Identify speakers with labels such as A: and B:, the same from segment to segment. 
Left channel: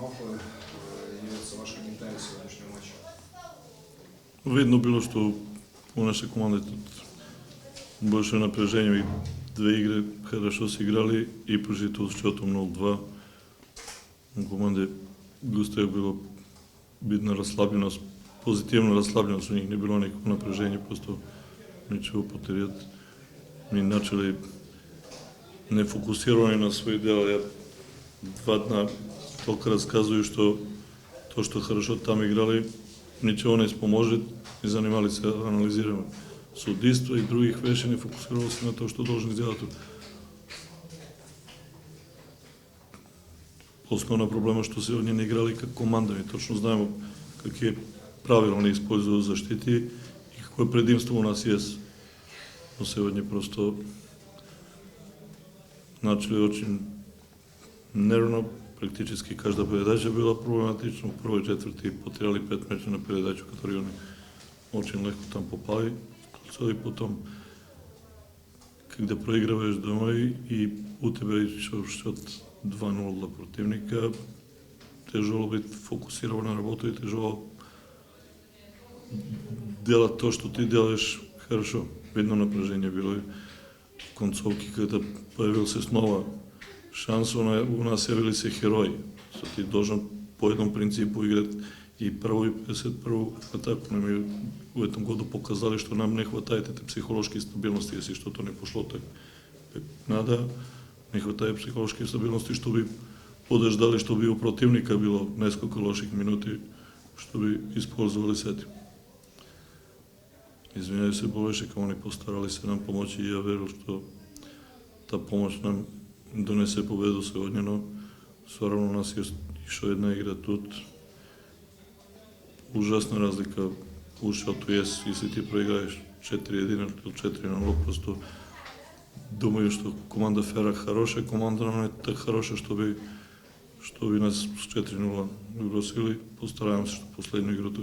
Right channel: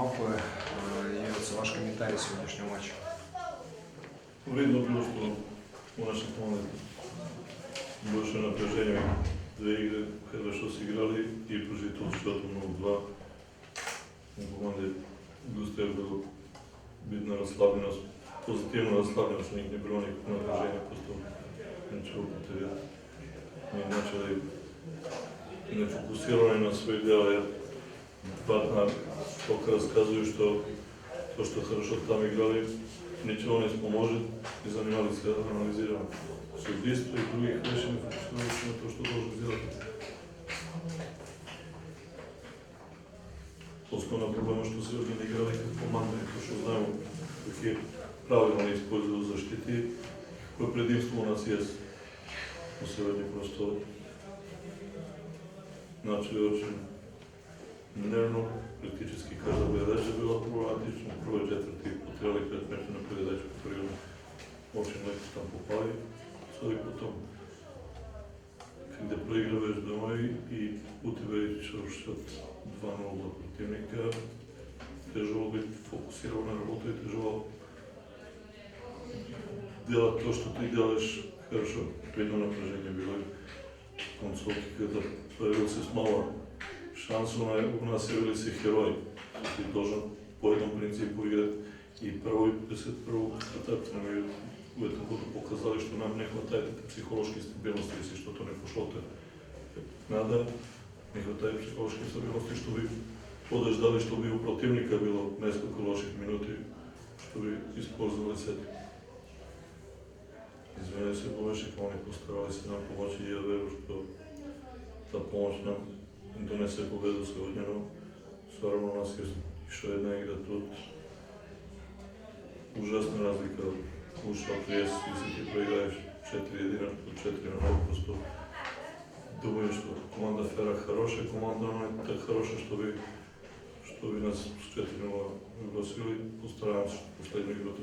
A: малку е и за ваш коментари со днешниот мач.
B: Видно било што у наша команда беше напрежение и две игри хорошо се играли и продолжително счетом многу два. У команде доста е било видна расслабеност, позитивна расслабеност, у них не било никакво напрежение, просто ничего потеријат. Ми начали нефокусирани на свој дел, ја два дна толку расказуju што тоа што хорошо таму играли, ничего не споможет и занимали се анализирано. судиство и других веши не фокусирали на тоа што должен сделат. Основна проблема што се они не играли како команда и точно знаеме какви правилно не использува заштити и какво предимство у нас јас. Но сегодня просто начали очень нервно, практически кажда передача била проблематична. У и четврти потеряли пет меча на передачу, которые они очень легко там попали. И потом, когда проиграваш дома и у тебе счет 2-0 до противника, тяжело бит фокусиран на работа и тяжело делать то, што ти делаш хорошо. Видно напряжение било и концовки когда появился снова šansu na, u naselili se heroji. Sa ti dožan po jednom principu igrati i prvo i 51. kad tako nam je u jednom godu pokazali što nam ne hvatajte te psihološke stabilnosti, jesi što to ne pošlo te nada, ne hvataje psihološke stabilnosti što bi podeždali što bi u protivnika bilo nesko loših minuti što bi ispozvali sedim. Izvinjaju se Bovešik, oni postarali se nam pomoći i ja veru što ta pomoć nam донесе победу сегодня, но сварно нас е ишо една игра тут. Ужасна разлика ушото е, если ти проиграеш 4-1 од 4 на 0, просто думаю што команда Фера хороша, команда нам е така хороша што би што би нас с 4-0 выбросили. постарајам се што последно играта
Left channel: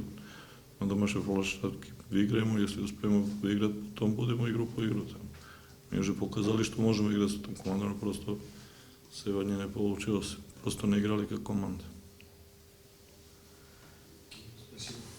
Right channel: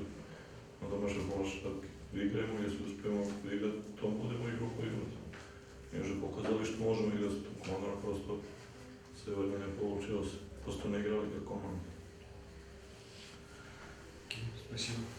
B: на домашен волаш ви играемо, если да успееме да играт, тоа да будемо игру по играта. Ние же показали што можеме играти со тоа команда, но просто сегодня не получилось. Просто не играли како команда.
A: Спасибо.